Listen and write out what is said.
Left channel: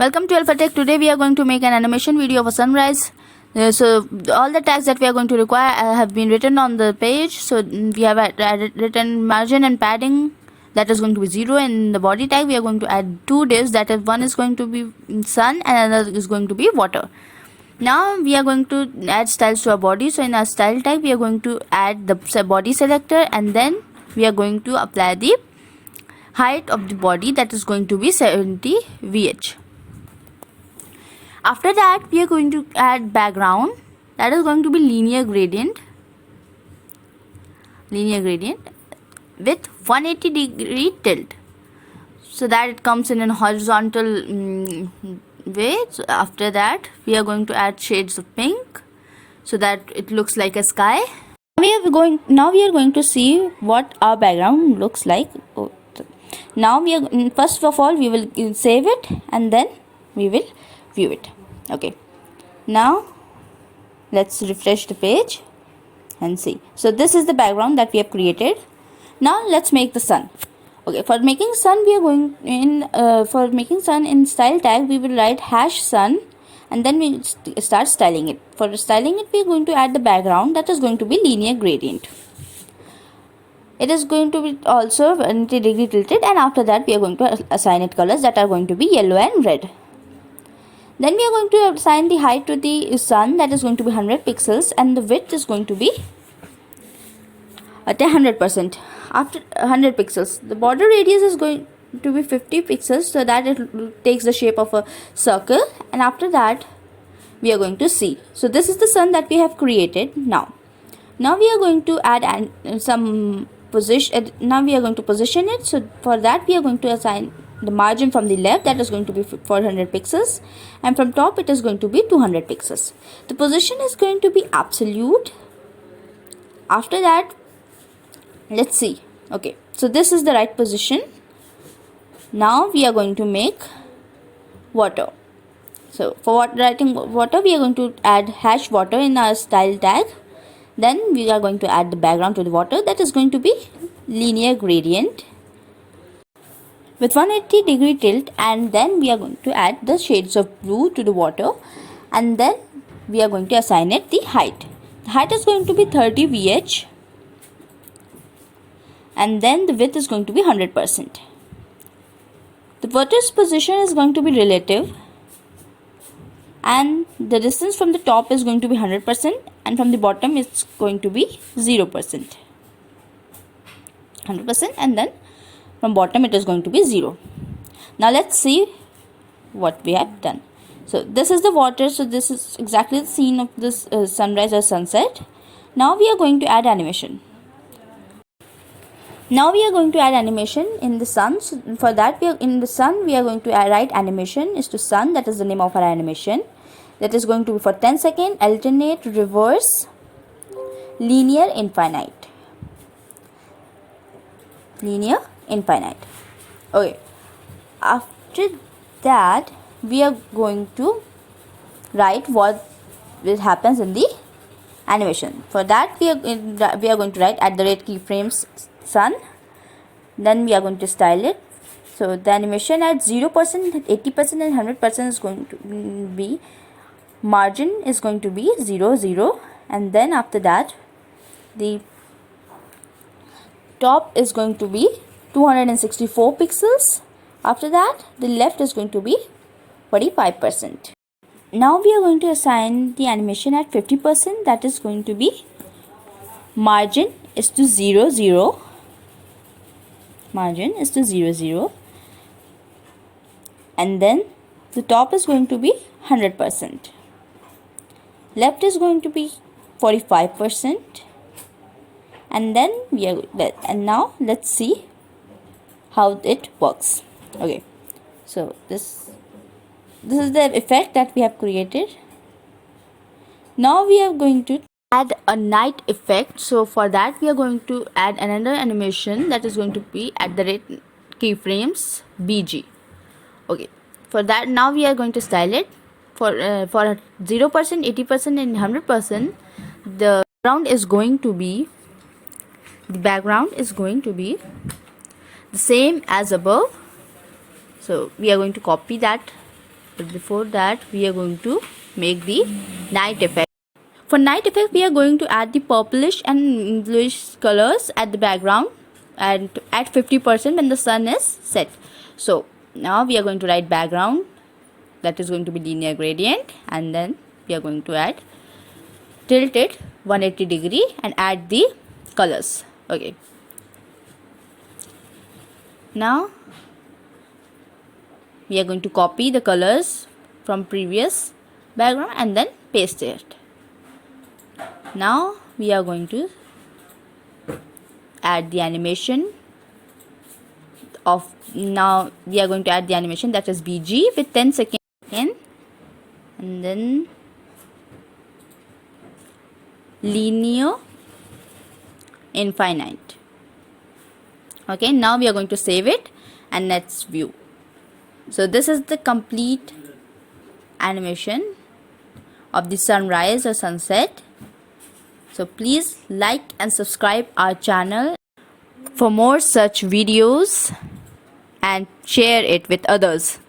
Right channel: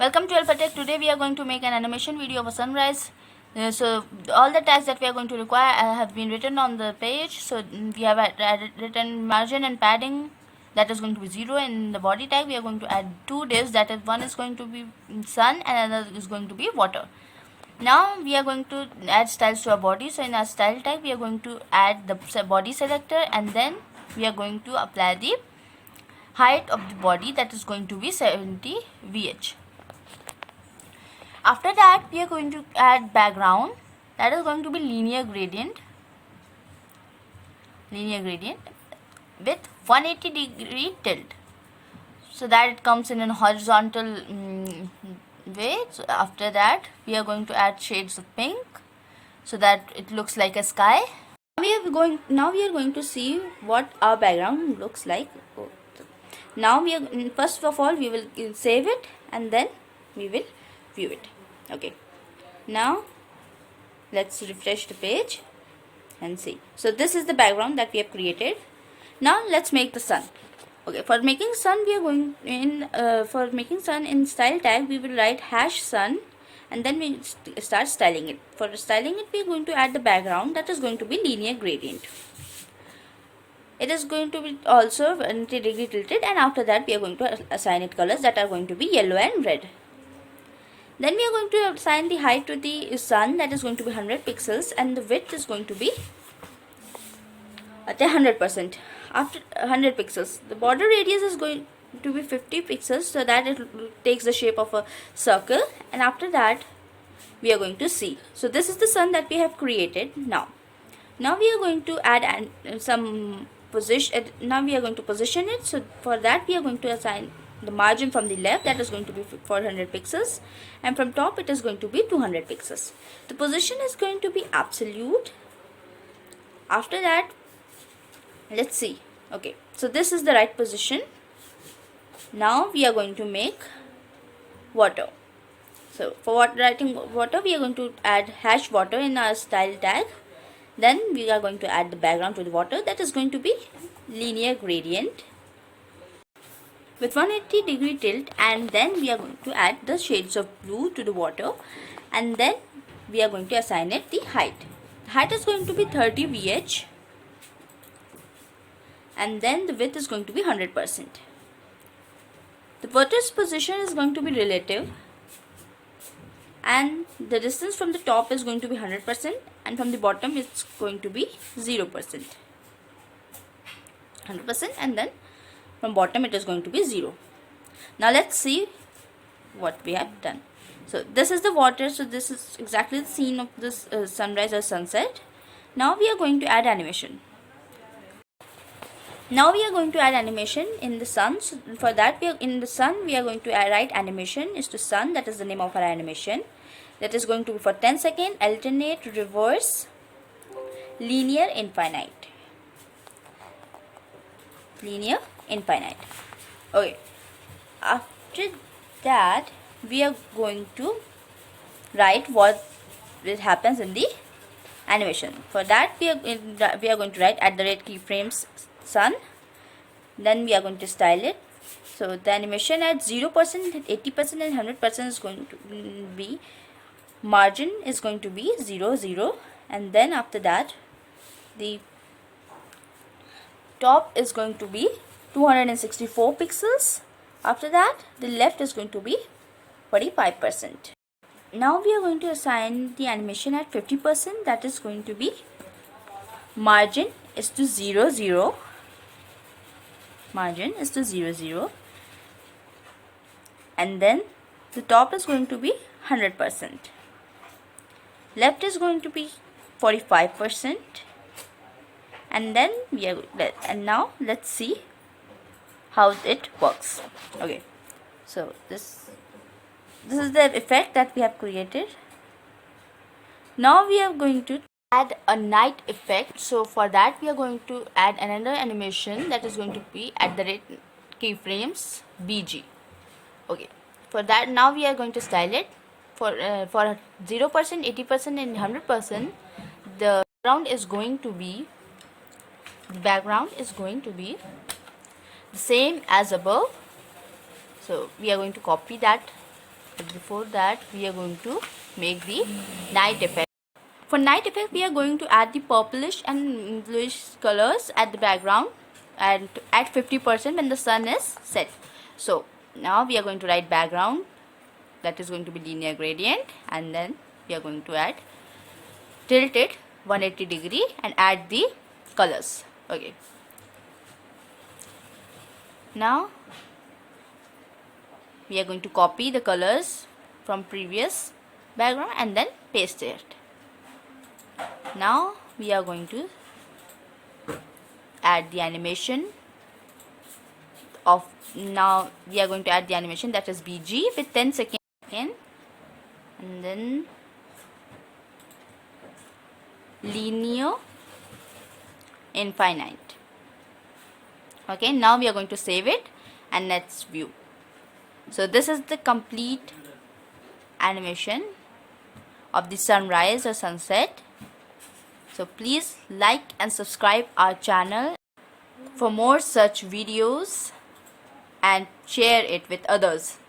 Welcome to Alpha Tech. Today we are going to make an animation video of a sunrise. So all the tags that we are going to require have been written on the page. So we have written margin and padding, that is going to be 0. In the body tag we are going to add 2 divs, that is one is going to be sun and another is going to be water. Now we are going to add styles to our body. So in our style tag we are going to add the body selector, and then we are going to apply the height of the body, that is going to be 70 VH. After that we are going to add background, that is going to be linear gradient with 180-degree tilt, so that it comes in a horizontal way. So after that we are going to add shades of pink so that it looks like a sky. Now we are going to see what our background looks like. Now first of all we will save it and then we will view it. Okay, now let's refresh the page and see. So this is the background that we have created. Now let's make the sun. Okay, for making sun we are going in style tag we will write #sun, and then we start styling it. For styling it we are going to add the background, that is going to be linear gradient. It is going to be also 90-degree tilted, and after that we are going to assign it colors that are going to be yellow and red. Then we are going to assign the height to the sun, that is going to be 100 pixels, and the width is going to be at 100%. After 100 pixels, the border radius is going to be 50 pixels, so that it takes the shape of a circle, and after that we are going to see. So this is the sun that we have created. Now we are going to add some position. Now we are going to position it. So for that we are going to assign the margin from the left, that is going to be 400 pixels, and from top it is going to be 200 pixels. The position is going to be absolute. After that, let's see. Okay, so this is the right position. Now we are going to make water. So for writing water we are going to add #water in our style tag. Then we are going to add the background to the water, that is going to be linear gradient with 180-degree tilt, and then we are going to add the shades of blue to the water, and then we are going to assign it the height. The height is going to be 30 VH, and then the width is going to be 100%. The water's position is going to be relative, and the distance from the top is going to be 100%, and from the bottom it's going to be 0%. 100%, and then from bottom it is going to be 0. Now let's see what we have done. So this is the water. So this is exactly the scene of this sunrise or sunset. Now we are going to add animation. Now we are going to add animation in the sun. So for that in the sun we are going to write animation is to sun, that is the name of our animation. That is going to be for 10 seconds, alternate, reverse, linear, infinite. Okay, after that we are going to write what happens in the animation. For that we are going to write @keyframes sun. Then we are going to style it. So the animation at 0%, 80% and 100% is going to be, margin is going to be 0, 0, and then after that the top is going to be 264 pixels. After that the left is going to be 45%. Now we are going to assign the animation at 50%, that is going to be margin is to 0, 0. Margin is to 0, 0, and then the top is going to be 100%. Left is going to be 45%, and then now let's see how it works. Okay, so this is the effect that we have created. Now we are going to add a night effect. So for that we are going to add another animation, that is going to be @keyframes BG. Okay, for that now we are going to style it. For 0%, 80% and 100%, the background is going to be the same as above. So we are going to copy that But before that, we are going to make the night effect. For night effect, we are going to add the purplish and bluish colors at the background and at 50% when the sun is set. So now we are going to write background, that is going to be linear gradient, and then we are going to add tilt it 180 degree and add the colors. Okay, now we are going to copy the colors from previous background and then paste it. Now we are going to add the animation of, now we are going to add the animation, that is BG with 10 seconds and then linear infinite. Okay, now we are going to save it and let's view. So this is the complete animation of the sunrise or sunset. So please like and subscribe our channel for more such videos and share it with others.